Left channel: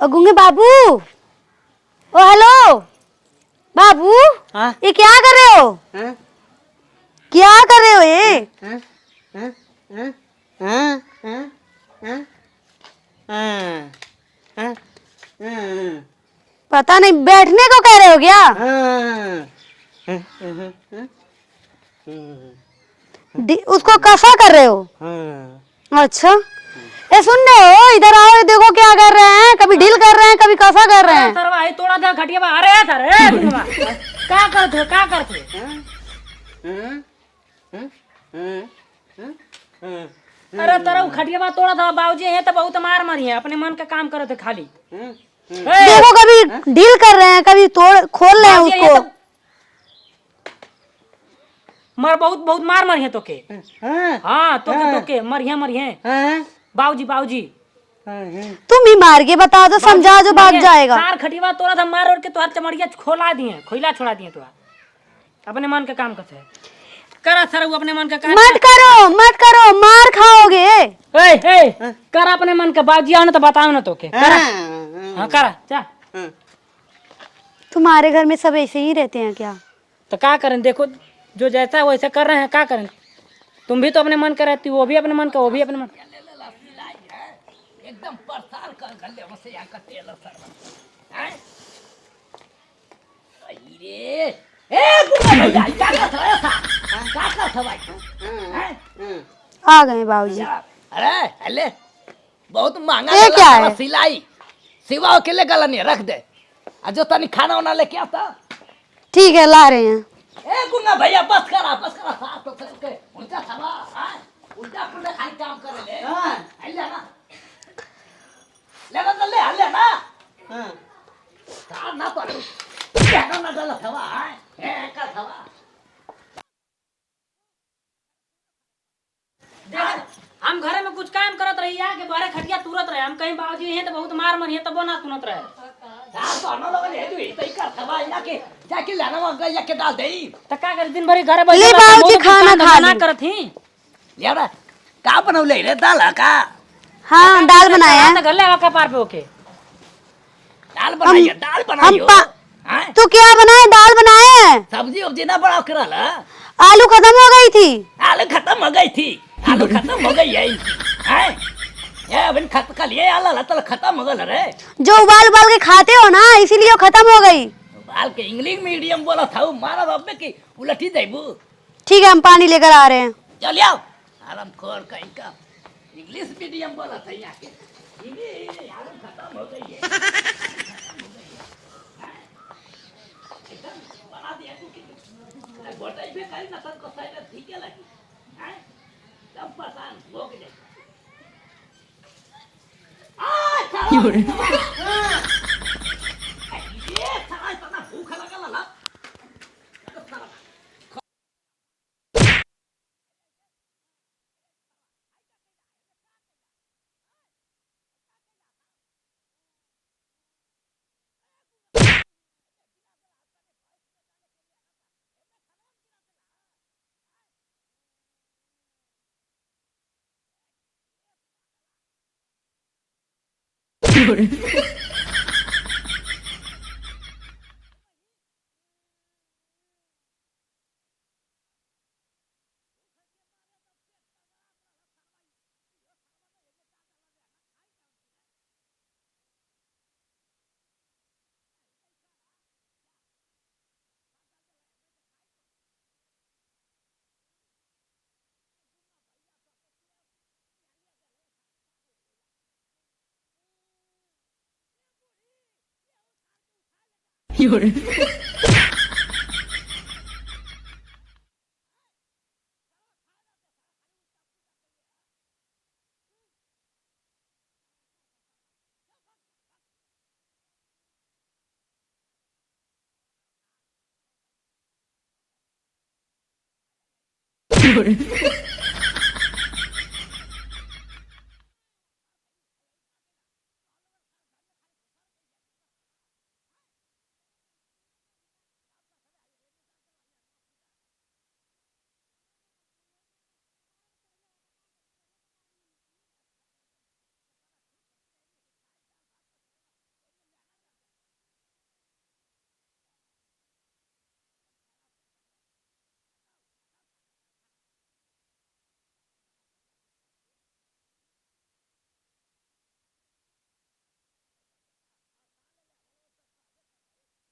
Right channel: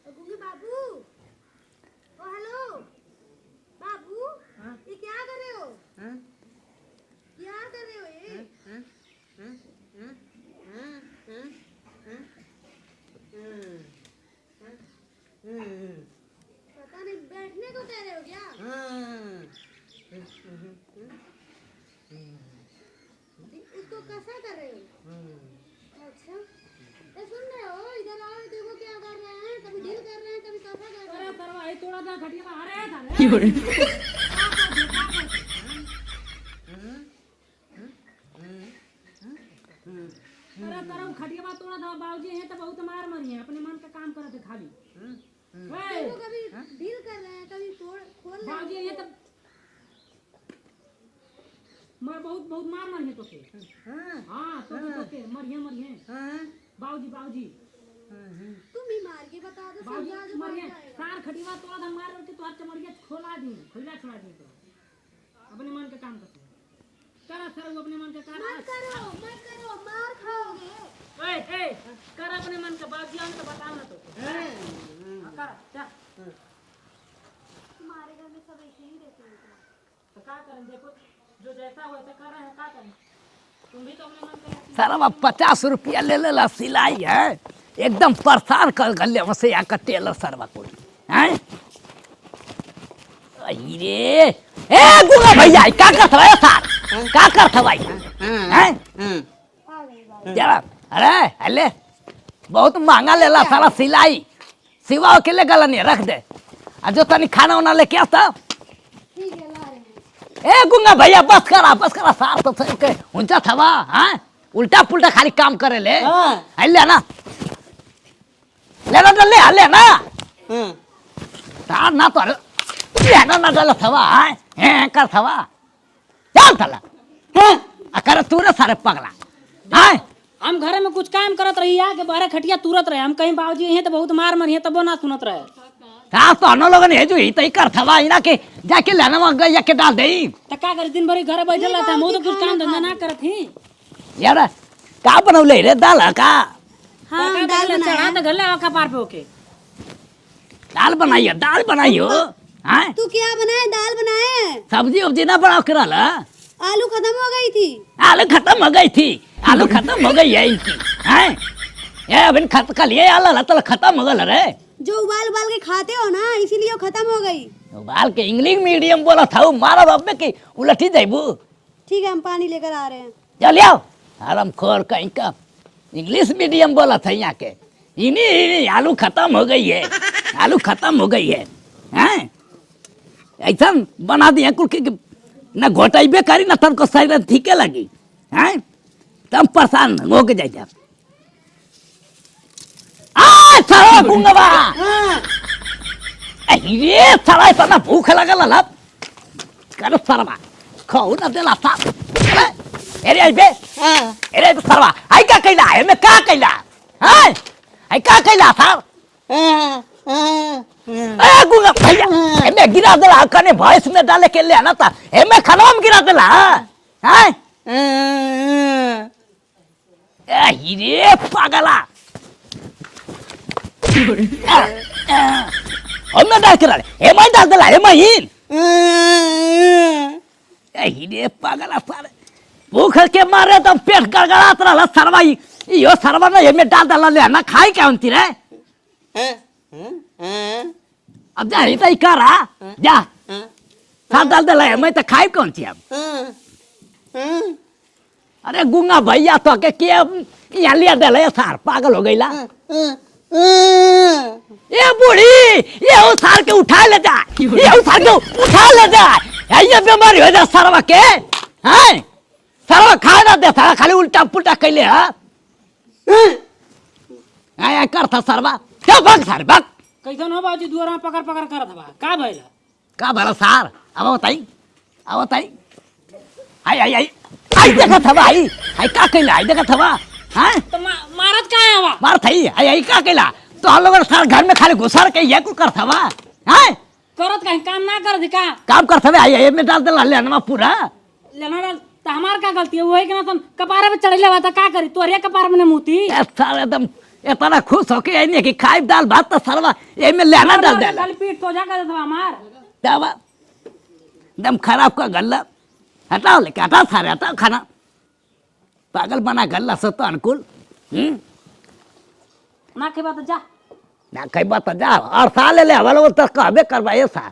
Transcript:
ओ गूंगे बाबू, ओ hello बाबू। हाँ? ये क्या कर रहे हो? हाँ? क्या कर रहे हो ये? हाँ? हाँ? हाँ? हाँ? हाँ? हाँ? हाँ? हाँ? हाँ? पता नहीं, बैठने को कह रहे हो क्या? उसको कसा कर रहे हो? अच्छा, ए सुन रहे हो, इधर आओ, देखो क्या कर रहे हैं। कभी ढील कर रहे हैं, कभी कसा कर रहे हैं। सर भाई थोड़ा सा खटिया बा अरे सर क्या करते क्या करते? अरे तेरा खटिया बा तोड़ा था बाबूजी, ये तो बहुत मार मारी है, अपने मन का काम करे थे खाली। देखो कभी ढील कर रहे हैं, कभी तोड़ खोल रहे हैं बाबूजी, ये उसको। तो मर बहुत बहुत मार मारी है तो के। हाँ तो के मरिए बाबूजी बाबूजी। तुम ही मार के बता दो, समझा जो भाग जाएगा। सार खटिया तोड़ा था मार और के तो चमड़िया खोला दिए, खोला छोड़ा दिए तो अपने मन का काम करते करा सर, वो अपने मन का काम मत करो, मार खाओगे। करा अपने मन का। बाबूजी आओ ना तो बताओ ना तो के करा। हाँ करा जा। तुम्हारे घर में सब ऐसे ही रहते हैं क्या? तो क्या करें, देखो जो जैसा वैसा कर रहे हैं, क्या करें। तुम भी तो अपने मन का रहती, वो भी अपने मन का। 50 रुपया ले लेला, सिलाई है एकदम परेशान कर गले वसे या टेलर सरवा को हैं। अरे ए गुना भैया क्या करत है साहब, क्या करत है भाई हैं? आ गए बाबूजी। जरा अरे हले बहुत महंगा ये लेला क्या सारा है? सिलाई सिवा के ले गला नहीं रख दे। आ जो तनी खाना वाना लेके आता। ठीक है, ला रहे हैं। ए गुंगा भैया बस करा साफ तो सही के ऊंचा थवा हैं, उल्टा पुल्टा खाली काम करे ले। ले ना ले ना तार ना तो ले ना डल थवा हैं कर थवा चल थला हैं कर तू रे सारे पगला हैं। हम घरे में कुछ काम करत रही है कि बारे खटिया तुरत रहे, हम कहीं बाबूजी ये तो बहुत मार मरी है तब ना सुनत रहे। का सोनो लोगन हे जो ही तई कर थवा इना के जाके लेना वहां गया के डाल देई। तो क्या कर दिन भर घरे ले बैठे बाबूजी, खाना खा ना लो। करत ही। यार का बनौले रे दाल का? हाँ, दाल बनाया है। घर लगा के पार पे होके दाल बनाई हो हैं। तो क्या बनाए? दाल बनाए हैं। सब्जी उब्जी ना बनाओ करल। आलू खत्म हो गई थी। आलू खत्म हो गई थी, आलू खत्म हो गई है हैं। ये अभी खत्म कर लिए आला तो खत्म हो गल रे। जो उबाल उबाल के खाते हो ना, इसीलिए वो खत्म हो गई। बाल के इंग्लिश मीडियम बोला था मारा रब्बे की उलटी जाइबू। ठीक है, हम पानी लेकर आ रहे हैं। चल आओ आराम खोर कहीं का इंग्लिश मीडियम बोला था यहाँ के। इन्हीं आलू खत्म हो गई है, आलू खत्म हो गई है हैं। ऐसा बना दिया कुल के ना घोटाइबे करी ना तनको शरीर ठीके लगी हैं। तब परेशान हो के जाए सारा गुंगवा। ये सारा इतना भूख लगल ला कर सरवा खाऊ ना देला साहब। अरे आई बे अरे तो सरवा आई का कैला है मैं का कैला हैं? आई का कैला साहब? ए गुंगा भैया मैं गिरा देला कने भैंस में डाले के ले आना था ए मैं खाना में गिरा देला हैं। ए हीरे पागला मैं डाल कर ए मैं डाल देला ए मैं हीन ए हीरे पागला सारे भूख के मारे तो पेट गड़गड़ात रहला सरवा। यो सरवा ना ये में डाल देला ले ना खाई क्या होती रे। अब जा इतना ही करा जा साथ डाल देला है मैं तो खाई कौन थी अब। अरे गुंगा भैया तो के यहाँ लिया देला सार पागल हो गई ला। ये बूढ़ी ये उसार के उठा ले जा, ये उसार के उठा ले जा। ये बीमारी हो जा सरवा के हैं। सरवा खा ना दे सारा खाली उल्टा पुल्टा कैले है। आया कर था सरवा क्या भाग सारे भाग कैसे हो बाबूजी दुआर में पकड़ पकड़ करत बा का भइला? का भला सार अब बताई आई आई आई आई देखा था भाई आई का कैला आई देखा था हैं। तो मारत का है वा मार थई आई आई का कैला तो हम लोग सार घर में खाली घुसर के ये कुल कर था हैं। करत कहीं काम ना कर दी का काम कर था आई आई में डाल दे लेना पूरा लेना डाल तो हमार का गलती है? वही के ना तुम कपारे पे चढ़ले बा था का करी तोरे कपार में मुती सारे एकदम इतना खुश होके आइने कि खाई दाल भात तो सरवा ये में लेना डाल देला खाली पीठ तो जा कर दे हमार दवा दम खराब का गल्ला हटाओ लेके हटाओ सारे हटाओ खाना पागल बना गल्ला से तो अनुकूल ना के बात जा ना कई बात जा और साल ले हवाले वो तो कहबे करवाए सा